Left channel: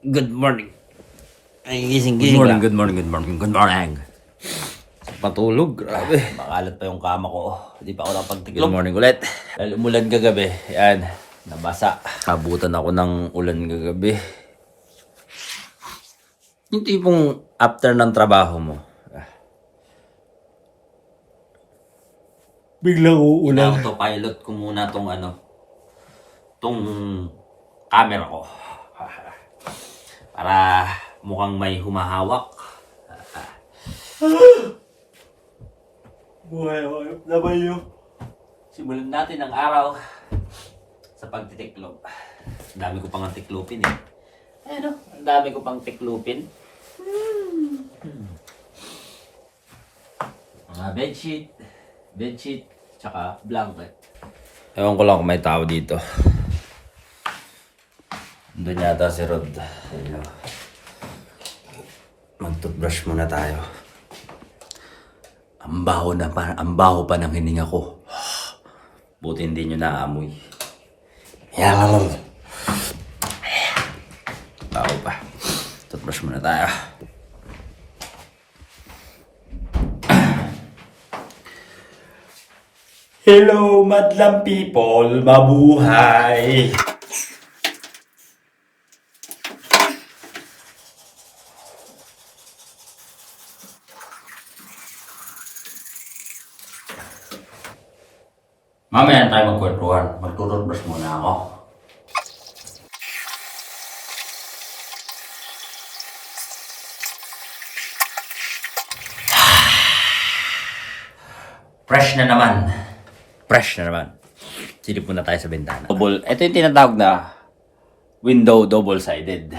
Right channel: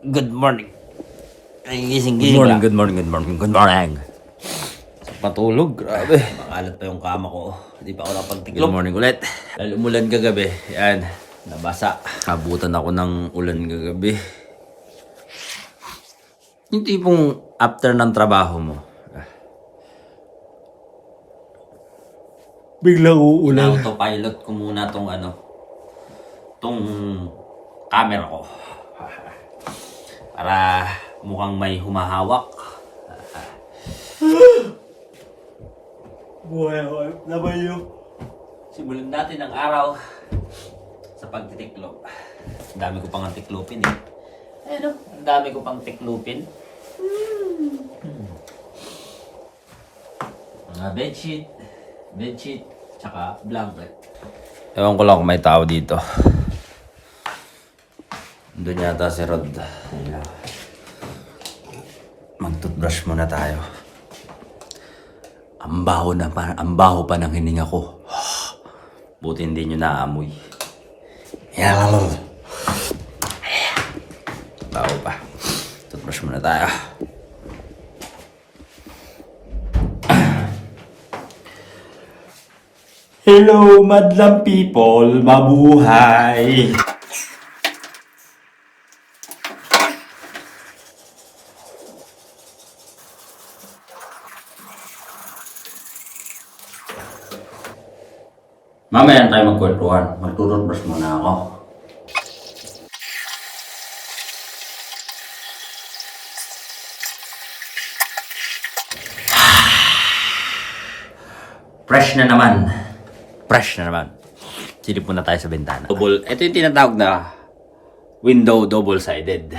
Good morning. Ay, gising lang. Good morning. Sa patulog, grabe. Makalat pa yung kama ko. Hindi pa ako nakapagtiklop. Good morning ulit. Dahil umulan kagabi. Yan, nabasa. Kabutan ako ng ulan kagabi. Yung tipong after ng trabaho mo, biglang uulan. Autopilot ko muna tong camera ko. Para mukhang may humahawak. Buhay ako. Laban yung simulan natin ang araw sa pagtitiklop. Ang dami ko pang tiklupin eh. Ayun o, ang dami ko pang tiklupin. Mga bedsheet, tsaka blanket. Ewan ko lang kung may tao dito. Doon yata si Rod. Mag-toothbrush muna tayo. Ang baho pa ng hininga ko. Buti hindi nyo naamoy. Baho pa. Toothbrush muna tayo. Hello, madlang people. Mabuhay! Mamaya tayo magkwentuhan. Mag-toothbrush muna ako. Fresh na naman. Silip muna tayo sa bintana. Ito yung tinatawag na window double-sided.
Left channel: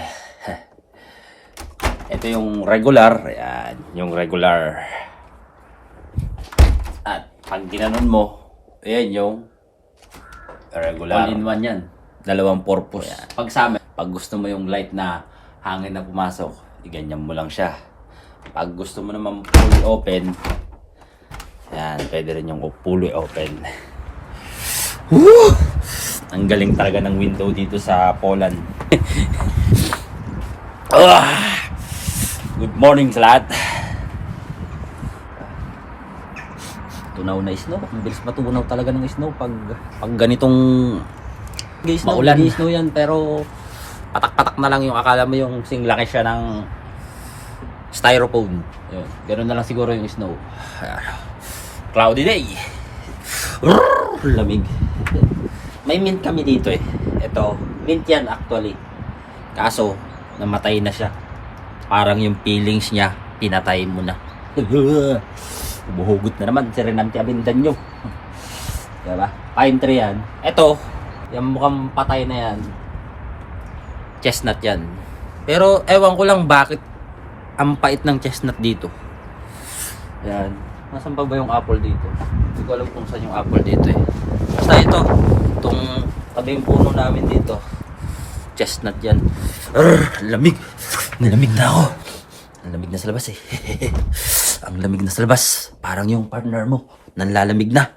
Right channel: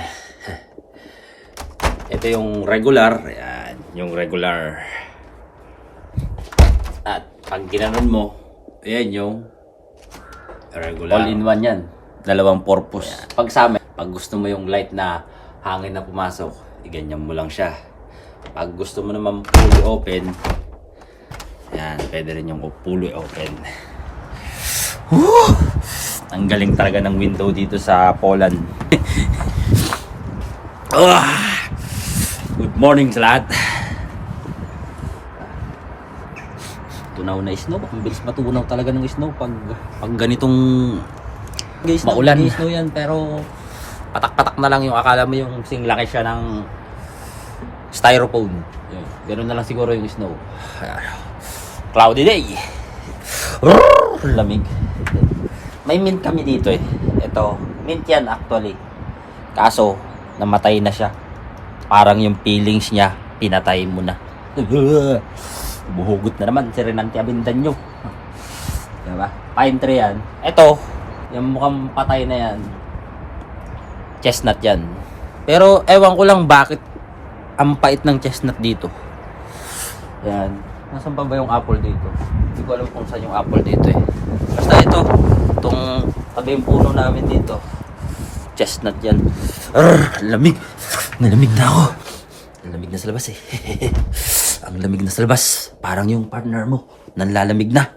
Ito yung regular. Ayan, yung regular. At pag ginanon mo, ayan yung regular. All-in-one yan. Dalawang purpose. Ayan. Pag sa amin, pag gusto mo yung light na hangin na pumasok, iganyan mo lang siya. Pag gusto mo naman fully open, yan, pwede rin yung fully open. Woo! Ang galing talaga ng window dito sa Poland. Good morning sa lahat. Tunaw na snow. Ang bilis matunaw talaga ng snow pag ganitong maulan. Snow yan, pero patak-patak na lang yung akala mo yung singlaki siya ng styrofoam. Yun. Ganun na lang siguro yung snow. Cloudy day. Lamig. May mint kami dito eh. Ito, mint yan actually. Kaso, namatay na siya. Parang yung feelings niya, pinatay mo na. Buhugot na naman si Renante Avendaño. Diba? Pine tree yan. Ito, yung mukhang patay na yan. Chestnut yan. Pero ewan ko lang bakit ang pait ng chestnut dito. Yan. Nasaan pa ba yung apple dito? Hindi ko alam kung saan yung apple dito eh. Basta ito, itong tabi yung puno namin dito. Chestnut yan. Lamig. Nalamig na ako. Ang lamig na sa labas eh. Ang lamig na sa labas. Parang yung partner mo, nanlalamig na.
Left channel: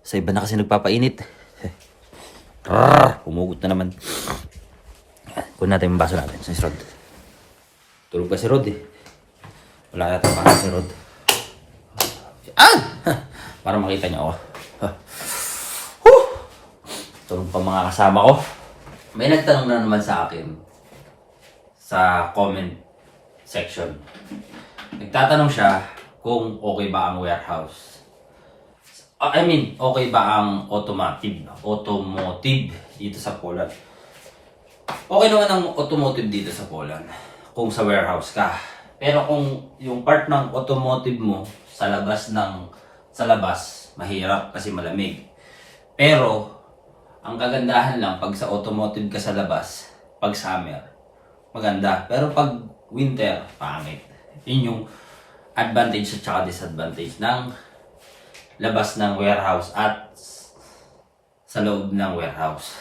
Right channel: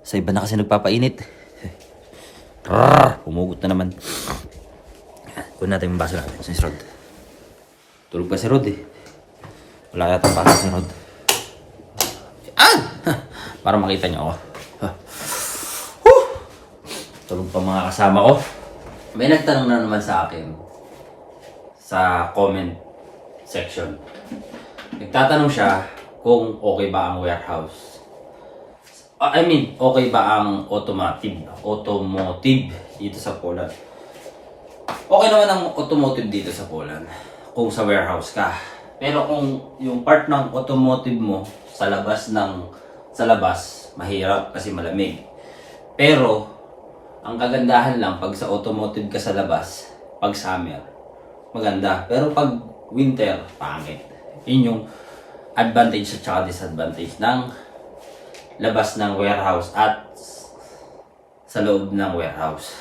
Sa iba na kasi nagpapainit. Humugot na naman. Kunin natin yung baso natin. Si Rod. Tulog pa si Rod eh. Wala yata pa si Rod. Para makita niyo ako. Tulog pa mga kasama ko. May nagtanong na naman sa akin sa comment section. Nagtatanong siya kung okay ba ang warehouse. Okay ba ang automotive dito sa Poland. Okay naman ang automotive dito sa Poland kung sa warehouse ka. Pero kung yung part ng automotive mo sa labas, mahirap kasi malamig. Pero ang kagandahan lang pag sa automotive ka sa labas, pag summer, maganda. Pero pag winter, pangit. Yun yung advantage at saka disadvantage ng labas ng warehouse at sa loob ng warehouse.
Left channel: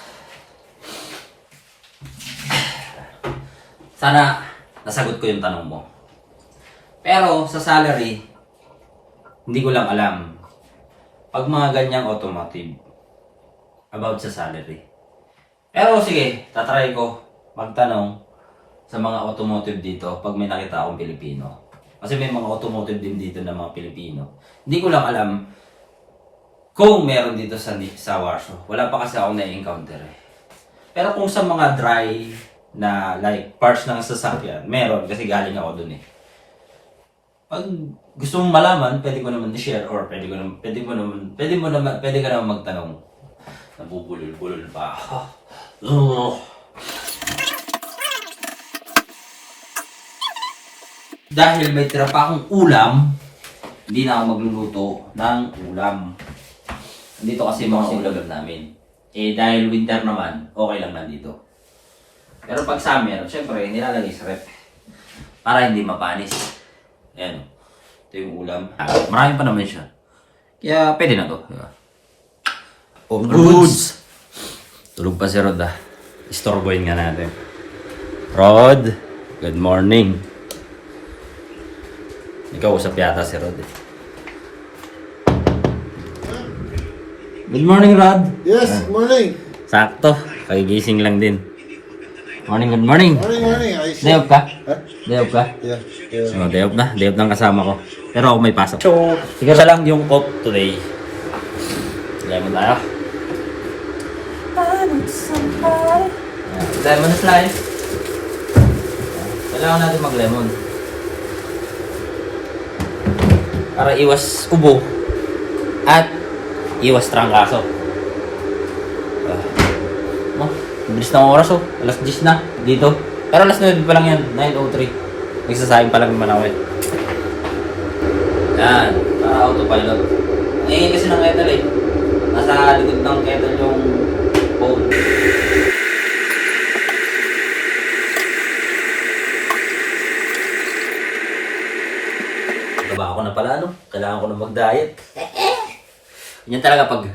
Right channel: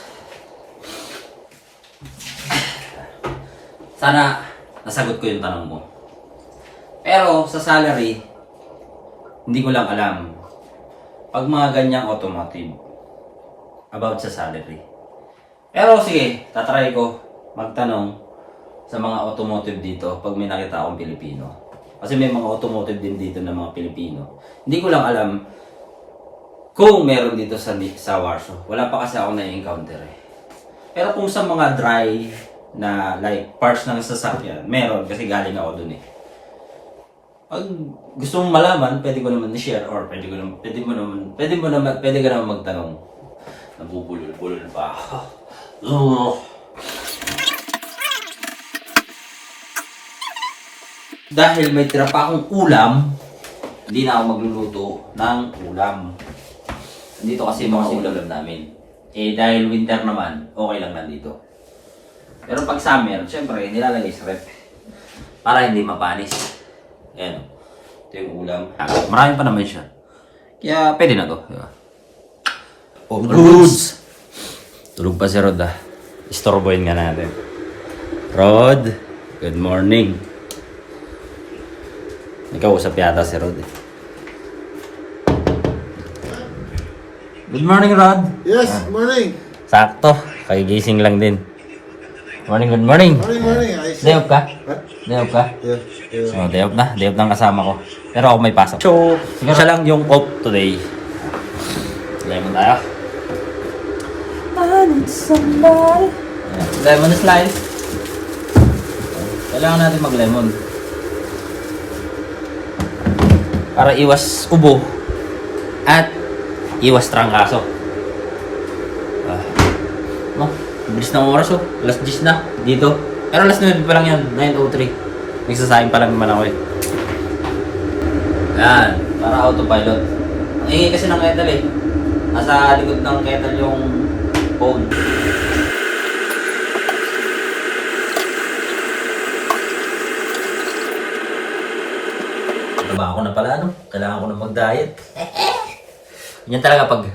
Sana nasagot ko yung tanong mo. Pero sa salary, hindi ko lang alam. Pag mga ganyang automotive, about sa salary. Pero sige, tatry ko magtanong sa mga automotive dito pag may nakita akong Pilipino. Kasi may mga automotive din dito na mga Pilipino. Hindi ko lang alam kung meron dito sa Warsaw. Wala pa kasi ako na-encounter eh. Pero kung sa mga dry na like parts ng sasakyan, meron kasi galing ako dun eh. Pag gusto mong malaman, pwede ko naman i-share or pwede ka naman magtanong. Nabubulol-bulol pa ako. Dahil may tira pa akong ulam, hindi na ako magluluto ng ulam. Dito kasi mga ulam namin. Eh dahil winter naman, okay lang nandito. Pero pag summer, syempre nilalagay sa rep. Para hindi mapanis. Ayan o. Ito yung ulam. Marami pa naman siya. Kaya pwede na to. Diba? All goods! Tulog pa si Rod ah. Istorboyin nga natin. Rod, good morning. Nagkausap yata si Rod eh. Good morning, Rod. Yes, morning. Sakto. Kagigising lang din. Morning, good morning. Morning. Day off ka? Huh? Day off ka? Yeah. Oh, day off na. Day off ng kasama ko. Pero ako may pasok. So, siguro siya lang yung off today. Lemon tayo. I need somebody. Lemon slice. Kailangan natin mag-lemon. Para iwas ubo. At iwas trangkaso. No? Bilis na ang oras oh. Alas 10 na. Dito. Pero alas 9 pa lang yan. 9:03. Nagsasayang pa lang naman ako eh. Yan. Para autopilot. Ang ingay kasi ng kettle eh. Nasa likod ng kettle yung phone. Taba ako na pala no? Kailangan ko na mag-diet. Yan talaga pag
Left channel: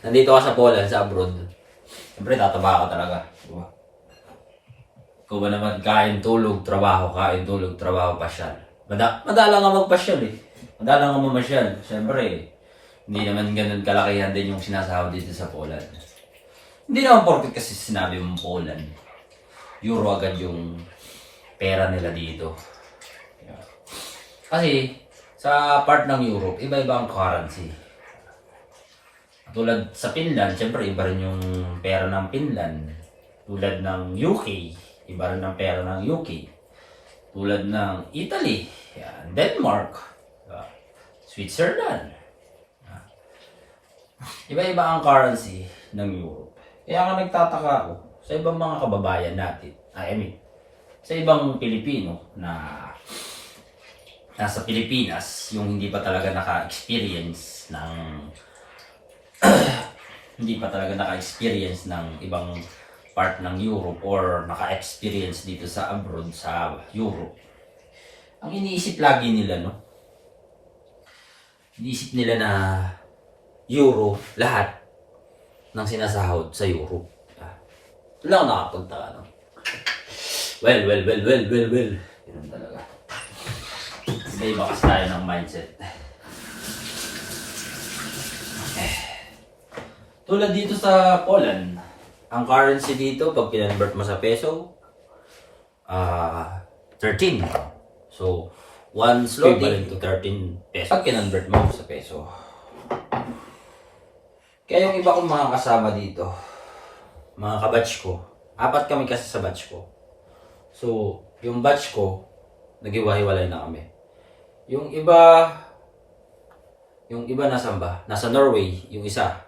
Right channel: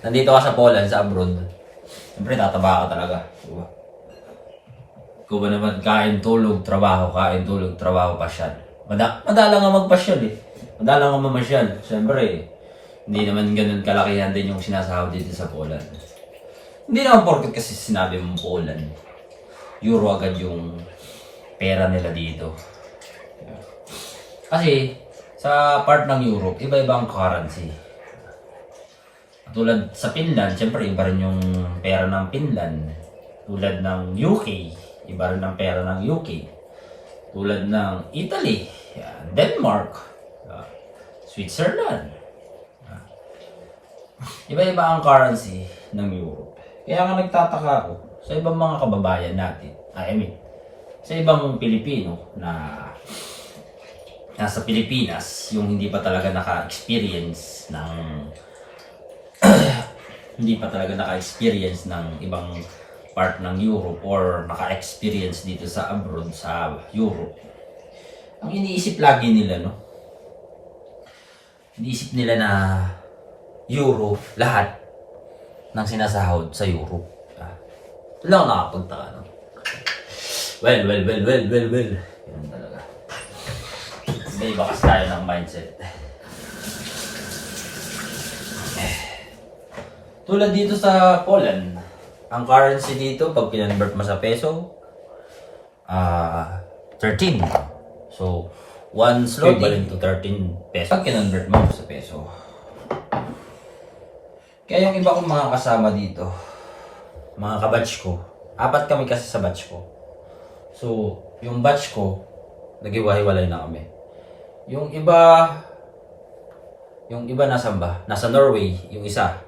nandito ka sa Poland, sa abroad. Siyempre tataba ka talaga. Diba? Ikaw ba naman kain, tulog, trabaho, pasyal. Madalang nga magpasyal eh. Madalang nga mamasyal. Siyempre, hindi naman ganun kalakihan din yung sinasahod dito sa Poland. Hindi naman porket kasi sinabi mong Poland. Euro agad yung pera nila dito. Yeah. Kasi, sa part ng Europe, iba-iba ang currency. Tulad sa Finland, siyempre iba rin yung pera ng Finland. Tulad ng UK, iba rin ang pera ng UK. Tulad ng Italy, yan, Denmark, Switzerland. Iba-iba ang currency ng Europe. Kaya nga nagtataka ako sa ibang mga kababayan natin, sa ibang Pilipino na nasa Pilipinas, yung hindi pa talaga naka-experience ng ibang part ng Europe or naka-experience dito sa abroad, sa Europe. Ang iniisip lagi nila, no? Iniisip nila na Euro, lahat ng sinasahod sa Europe. Wala akong nakapagtaka, no? Well. Ganun talaga. May bakas tayo ng mindset. Tulad dito sa Poland, ang currency dito, pag kinonvert mo sa peso, 13. So, 1 equivalent to 13 pesos. Pag kinonvert mo sa peso. Kaya yung iba kong mga kasama dito, mga kabatch ko, 4 kami kasi sa batch ko. So, yung batch ko, naghiwa-hiwalay na kami. Yung iba nasan ba? Nasa Norway, yung isa.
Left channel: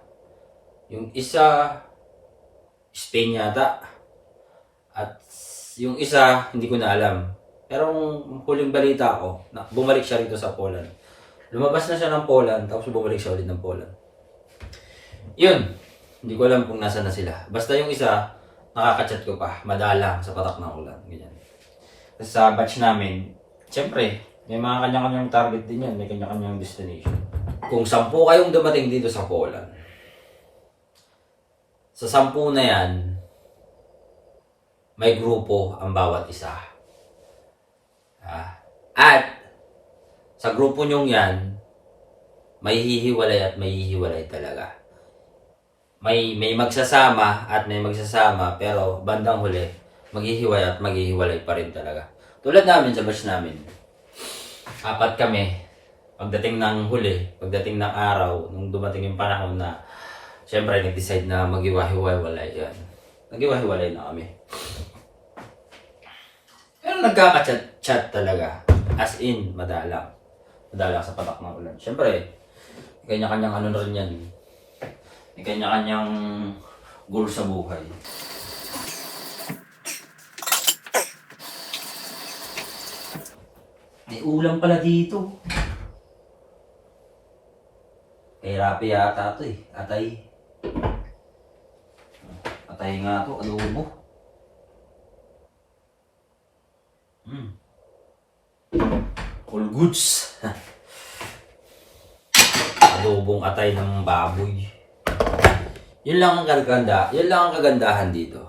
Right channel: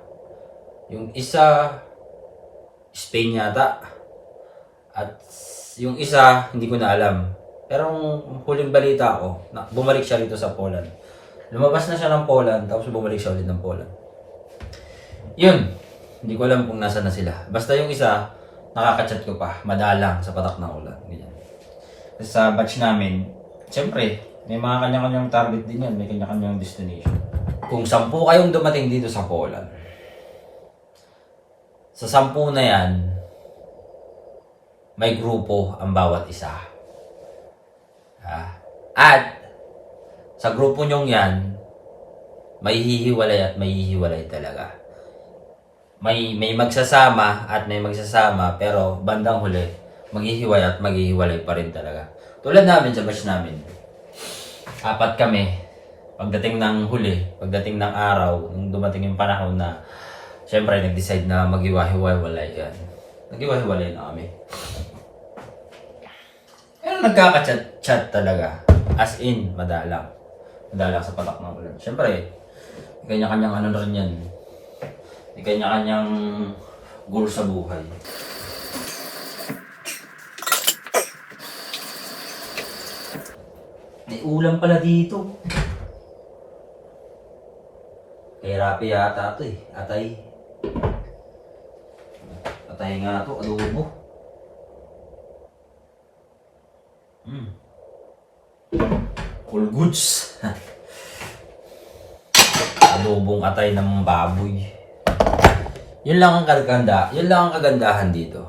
Yung isa, Spain yata. At yung isa, hindi ko na alam. Pero kung huling balita ko, bumalik siya dito sa Poland. Lumabas na siya ng Poland, tapos bumalik siya ulit ng Poland. Yun, hindi ko alam kung nasa na sila. Basta yung isa, nakaka-chat ko pa, madalang sa patak ng ulan. Ganyan. Kasi sa batch namin, siyempre, may mga kanya-kanyang target din yan, may kanya-kanyang destination. Kung 10 kayong dumating dito sa Poland, sa 10 na yan, may grupo ang bawat isa. At sa grupo nyong yan, may hihiwalay at may hihiwalay talaga. may magsasama at may magsasama, pero bandang huli, maghihiwalay at maghihiwalay pa rin talaga. Tulad namin sa batch namin. 4 kami. Pagdating ng huli, pagdating ng araw, nung dumating yung panahon na siyempre nag-decide na maghiwa-hiwalay yan. Naghiwa-hiwalay na kami. Pero nagkaka-chat talaga. As in, madalang. Madalang sa patak ng ulan. Siyempre, kanya-kanyang ano rin yan. Kanya-kanyang goal sa buhay. May ulam pala dito. Kay Rapi yata ito eh. Atay. Atay nga ito. Adobo. All goods. Adobong atay ng baboy. Yun lang ang kagandahan dito.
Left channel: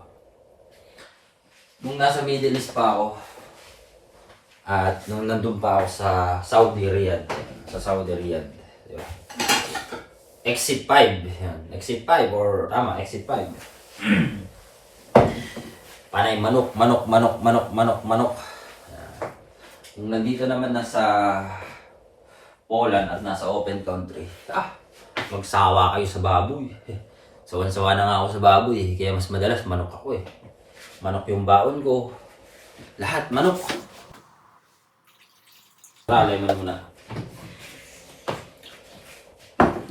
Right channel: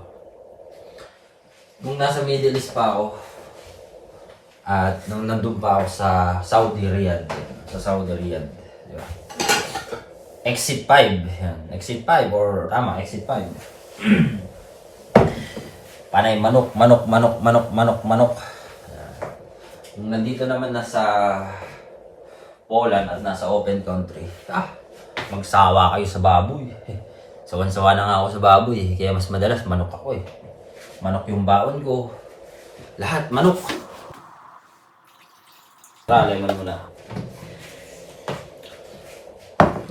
Nung nasa Middle East pa ako, at nung nandun pa ako sa Saudi Riyadh, yun. Exit 5, yan. Exit 5 or tama, exit 5. Panay manok. Kung nandito naman nasa Poland at nasa open country, magsawa kayo sa baboy. Sawan-sawa na nga ako sa baboy, kaya mas madalas manok ako eh. Manok yung baon ko. Lahat manok. Talay mo na muna.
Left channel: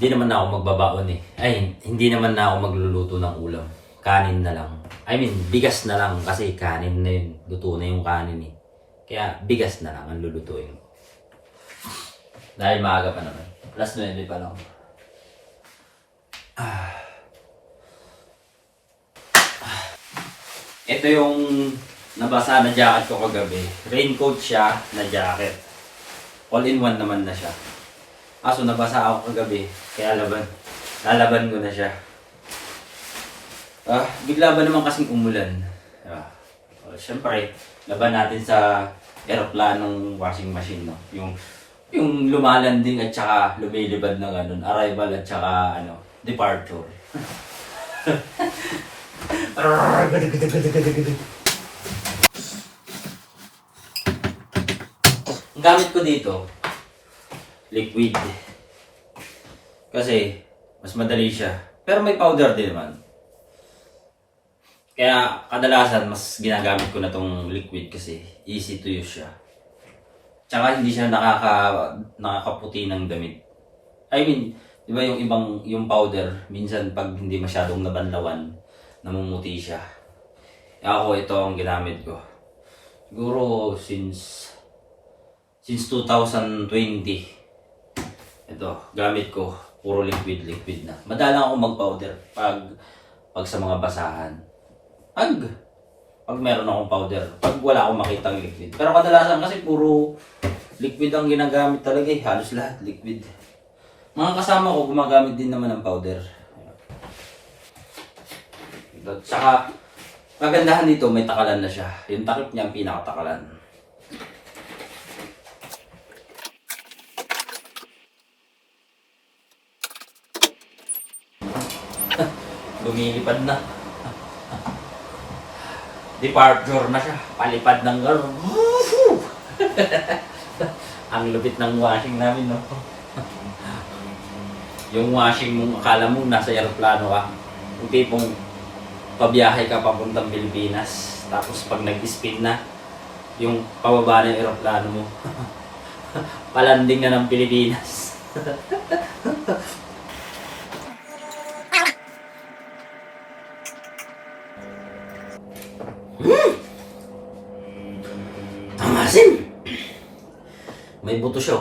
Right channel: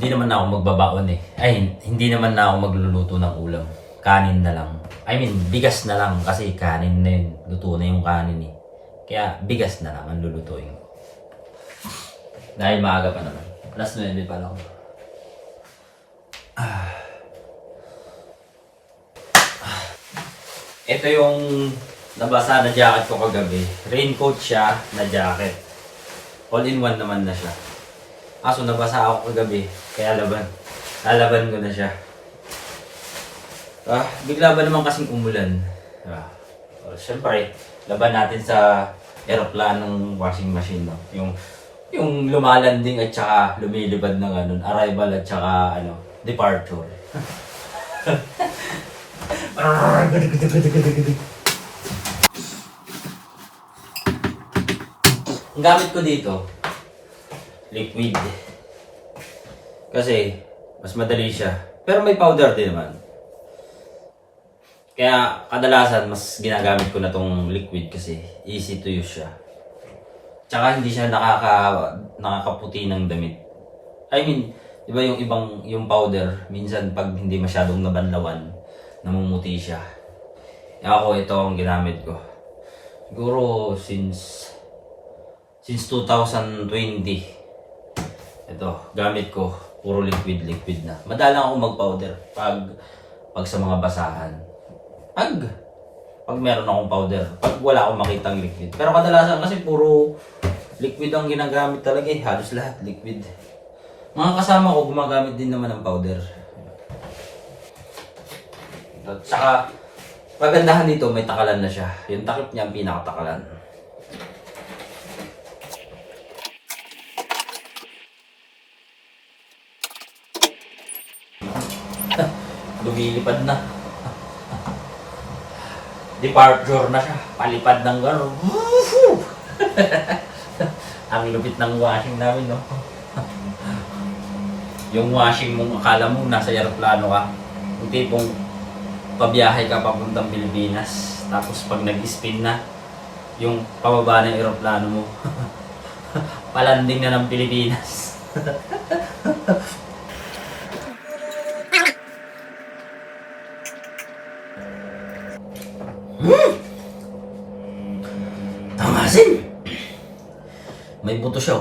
Hindi naman na ako magbabaon eh. Ay, hindi naman na ako magluluto ng ulam. Kanin na lang. I mean, bigas na lang kasi kanin na yun. Luto na yung kanin eh. Kaya bigas na lang ang lulutuin. Dahil maaga pa naman. Plus 9 pa lang. Ito yung nabasa na jacket ko kagabi. Raincoat siya na jacket. All-in-one naman na siya. So nabasa ako kagabi. Kaya lalaban ko na siya. Bigla ba naman kasing umulan? Siyempre, laban natin sa aeroplanong washing machine. No? Yung lumalanding at saka lumilibad ng arrival at saka departure. Ang gamit ko dito, liquid. Kasi, mas madali siya. Pero may powder din naman. Kaya, kadalasan, mas ginagamit ko na tong liquid kasi easy to use siya. Tsaka hindi siya nakakaputi ng damit. I mean, di ba yung powder, minsan pag hindi masyadong nabanlawan, namumuti siya. Ako, ito ang ginamit ko. Siguro since 2020. Ito, gamit ko. Puro liquid na. Madalang ako mag-powder pag sa mga basahan. Pag meron akong powder. Pag wala akong makitang liquid. Pero kadalasan kasi puro liquid ang ginagamit talaga eh. Halos lahat liquid. Mga kasama ko gumagamit din naman ng powder. At saka, magandahan dito, may takalan na siya. Yung takip niya ang pinakatakalan. Lumilipad na. Departure na siya. Palipad ng gano'n. Ang lupit ng washing namin, no? Yung washing mo, akala mo nasa aeroplano ka. Yung tipong pabiyahe ka papuntang Pilipinas. Tapos pag nag-spin na, yung pababa ng aeroplano mo, palanding na ng Pilipinas. Tangasin! May buto siya.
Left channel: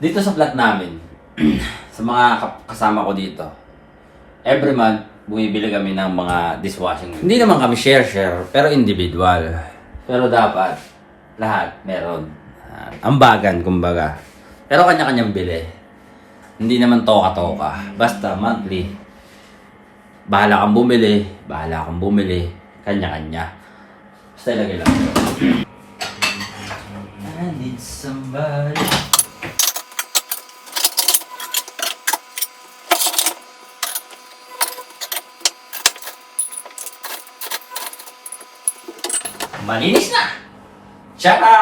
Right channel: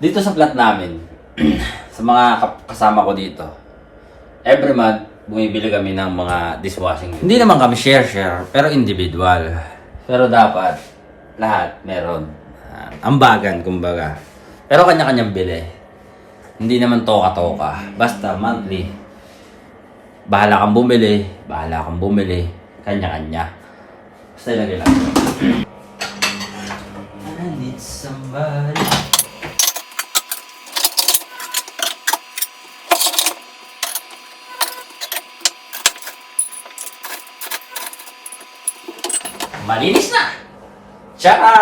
Dito sa flat namin, sa mga kasama ko dito, every month, bumibili kami ng mga dishwashing. Hindi naman kami share, pero individual. Pero dapat, lahat meron. Ambagan, kumbaga. Pero kanya-kanyang bili. Hindi naman toka-toka. Basta monthly. Bahala kang bumili. Kanya-kanya. Basta ilagay lang. I need somebody. Malinis na! Tcharan!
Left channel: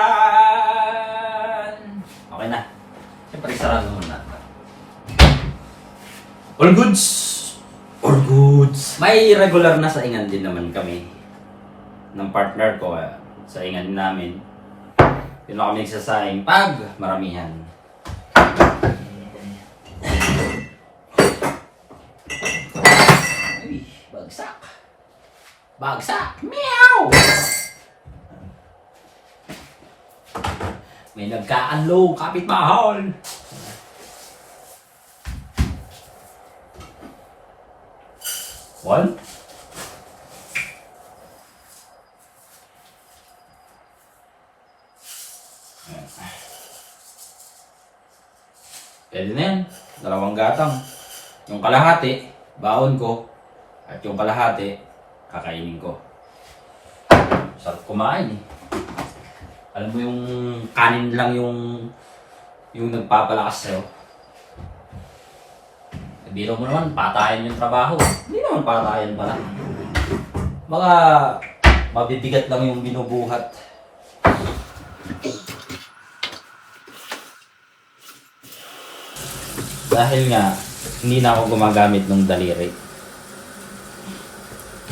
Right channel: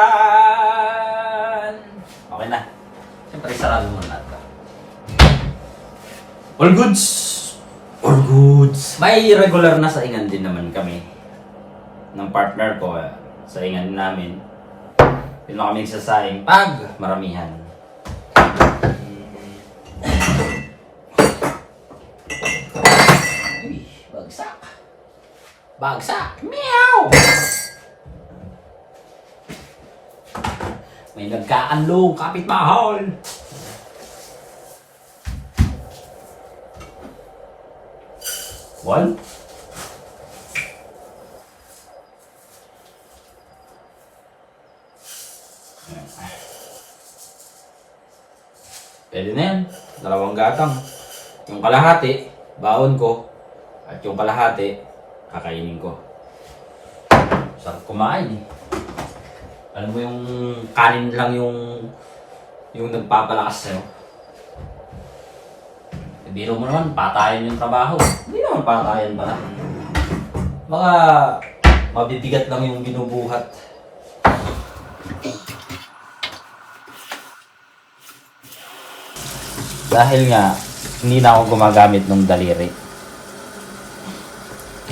Okay na. Siyempre, sarado mo na ito. All goods! All goods! May regular na saingan din naman kami ng partner ko. Saingan namin. Yun kami nagsasaing pag maramihan. Uy, bagsak! Bagsak! Meow! May nagkaanlong kapitbahay. One. Pwede na yan. 2 gatang. Yung kalahati, baon ko. At yung kalahati, kakainin ko. Sarap kumain eh. Alam mo yung kanin lang yung nagpapalakas sa'yo. Biro mo naman, patayan yung trabaho. Hindi naman patayan pala. Baka mabibigat lang yung binubuhat. Dahil nga, hindi na ako gumagamit ng daliri.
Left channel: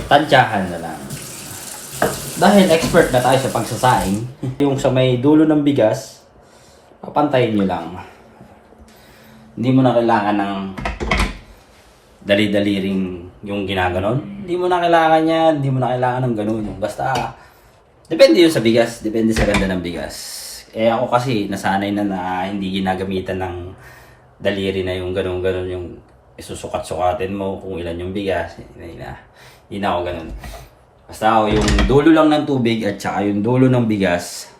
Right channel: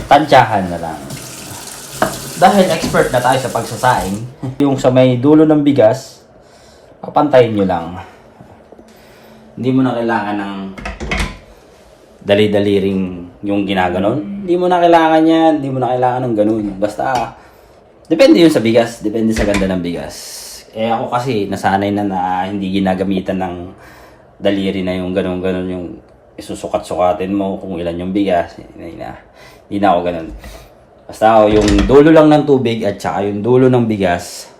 Tansyahan na lang. Dahil expert na tayo sa pagsasaing, yung sa may dulo ng bigas, papantayin nyo lang. Hindi mo na kailangan ng dali-daliring yung ginaganon. Hindi mo na kailangan yan, hindi mo na kailangan ng ganun. Basta, depende yun sa bigas, depende sa ganda ng bigas. Eh ako kasi, nasanay na hindi ginagamitan ng daliri na yung ganun-ganun, yung isusukat-sukatin mo kung ilan yung bigas. Hindi na ako ganun. Basta yung dulo lang ng tubig at saka yung dulo ng bigas,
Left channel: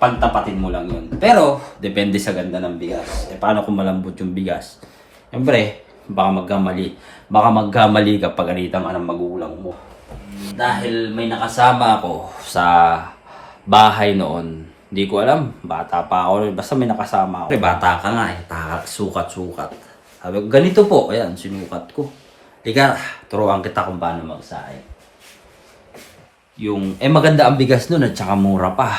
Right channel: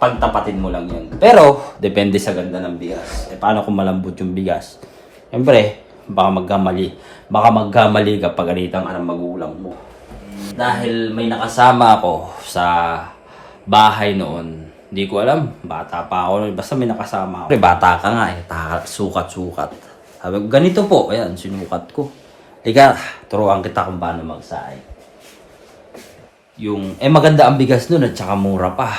pagtapatin mo lang yun. Pero, depende sa ganda ng bigas. Eh, paano kung malambot yung bigas? Siyempre, baka magkamali ka pag alitang anong magulang mo. Dahil may nakasama ako sa bahay noon, hindi ko alam, bata pa ako, basta may nakasama ako. Bata ka nga eh, sukat-sukat. Sabi ko, ganito po, ayan, sinukat ko. Turuan kita kung paano magsaing. Maganda ang bigas nun at saka mura pa.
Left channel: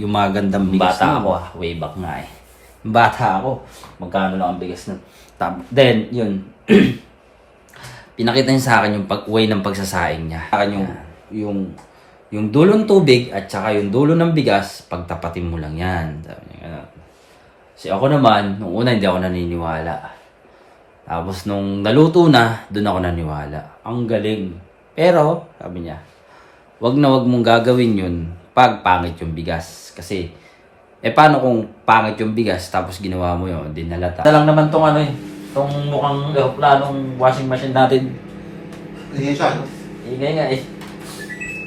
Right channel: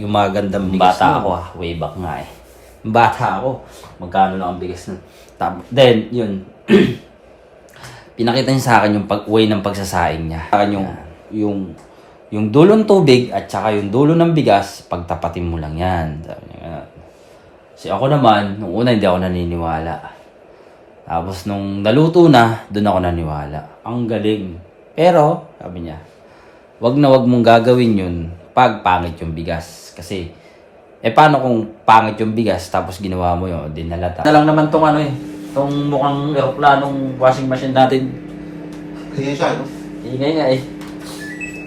Yung magandang bigas bata nun. Ako way back nga eh. Bata ako, magkano lang ang bigas nun. Then, yun, pinakita niya sa akin yung way ng pagsasaing niya. Sa akin yung dulong tubig at saka yung dulo ng bigas, pagtapatin mo lang yan. Sabi niya, kasi ako naman, nung una hindi ako naniniwala. Tapos nung naluto na, doon ako naniwala. Ang galing. Pero, sabi niya, wag na wag mong gagawin yun pag pangit yung bigas. Kasi, paano kung pangit yung bigas tapos ginawa mo yun, dinalata. Na lang naman tong tong mukhang aeroplanong washing machine natin. Hindi siya, no? Ingay nga eh.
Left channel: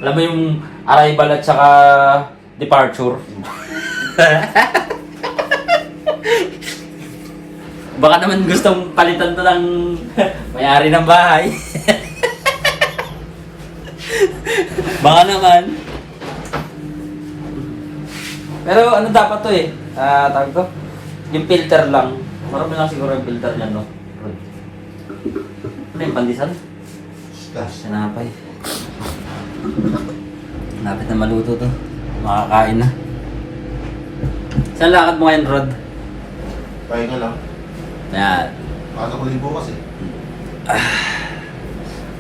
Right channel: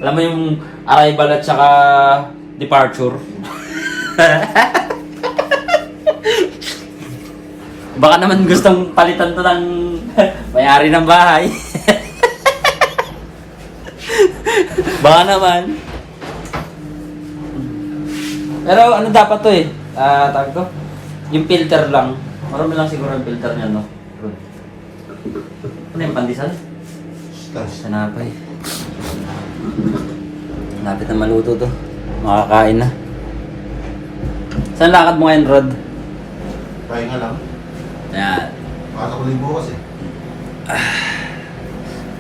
Alam mo yung arrival at saka departure. Baka naman gustong palitan to ng may-ari ng bahay. Baka naman. Pero ano dapat to eh? Tawag to? Yung filter lang. Marami lang siguro yung filter niya, no? Ano yung pandesal? Sanapay. Lapit na maluto to. Makakain na. Saan lakad mo ngayon, Rod? Pahinga lang. Yan. Pasok ko rin bukas eh.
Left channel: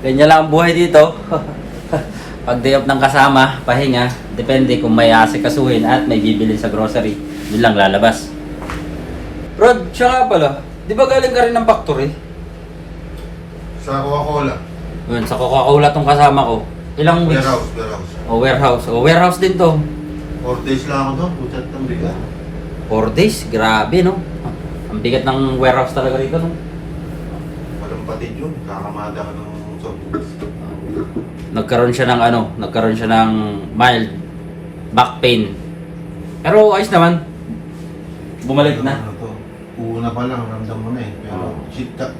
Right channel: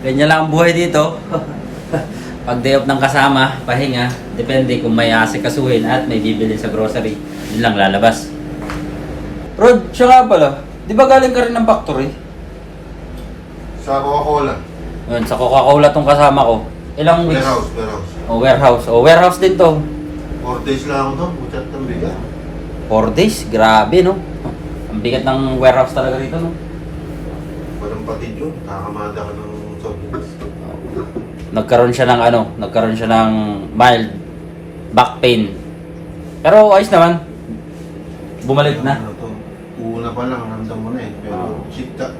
Ganyan lang ang buhay dito. Pag day off ng kasama, pahinga. Depende kung may asikasuhin at may bibili sa grocery. Yun lang lalabas. Rod, siya nga pala. Di ba galing ka rin ng factory? Sa Coca-Cola. Yun, sa Coca-Cola tong kasama ko. Ilang weeks? Warehouse. Warehouse din to. 4 days lang ako doon. Puchat ng biga. 4 days? Grabe, no? Ang bigat ng warehouse talaga rito, no? Walang Kapatid yun, kakamada ka ng sobrang. Nagkaroon siya ng mild back pain. Pero ayos naman. Bumalik na. Una pa lang, ramdam mo na eh. Pero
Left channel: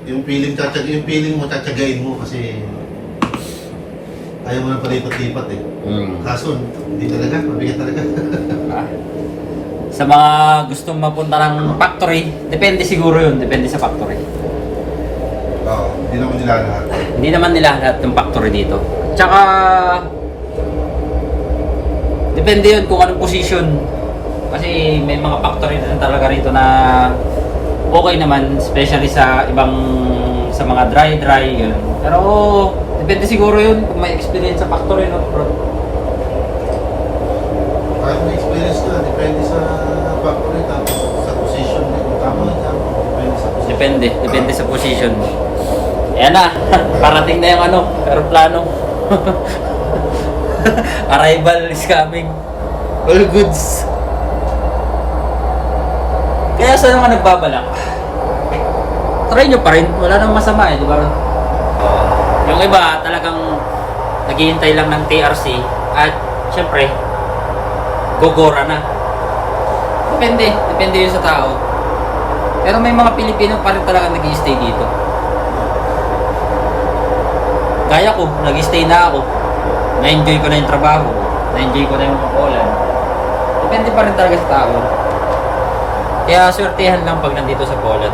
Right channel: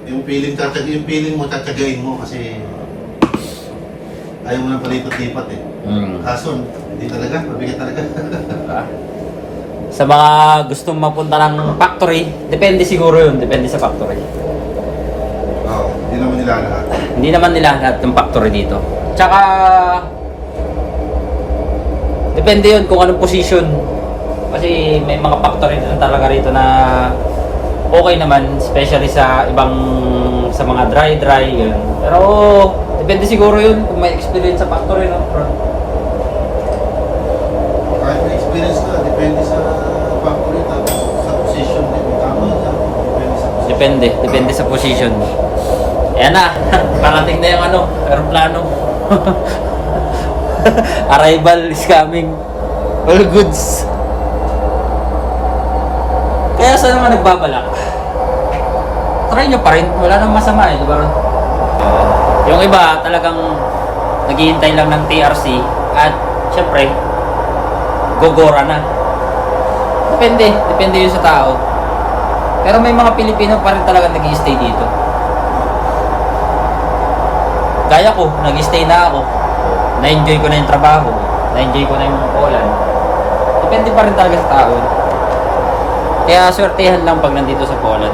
yung feeling mo, tatsagain mo kasi ayaw mo na palipat-lipat eh. Kaso, hindi talaga, mabigat talaga. Sa mga gustong mapunta ng factory, depende siguro yun. Depende sa factory. Oo, hindi naman nila lahat. Hindi naman nila lahat ng factory dito. Tsaka, depende yun kung anong position. Kasi may mga factory din talaga rito na okay naman, especially sa sa mga dry yun. Pero, depende siguro yun kung may experience sa factory, no? Kahit may experience ka, depende sa factory, sa position niya. Tama na, depende sa position. Depende sa position. Ayan na, parating na yung aeroplano. Arrival is coming. All goods. Kaya sa mga nagbabalak, try nyo pa rin. Wala nang masama eh, di ba? Yung iba talagang naghihintay lang ng TRC at syempre, gogora na. Depende yun sa tao. Pero may mga Pilipino pa rin talaga nag-i-stay dito. Gaya ko, nag-i-stay na ako. Na-enjoy ko na yung trabaho. Na-enjoy ko na yung Poland. Depende pa rin talaga sa tao yun. Kaya swertehan lang pag nandito sa Poland.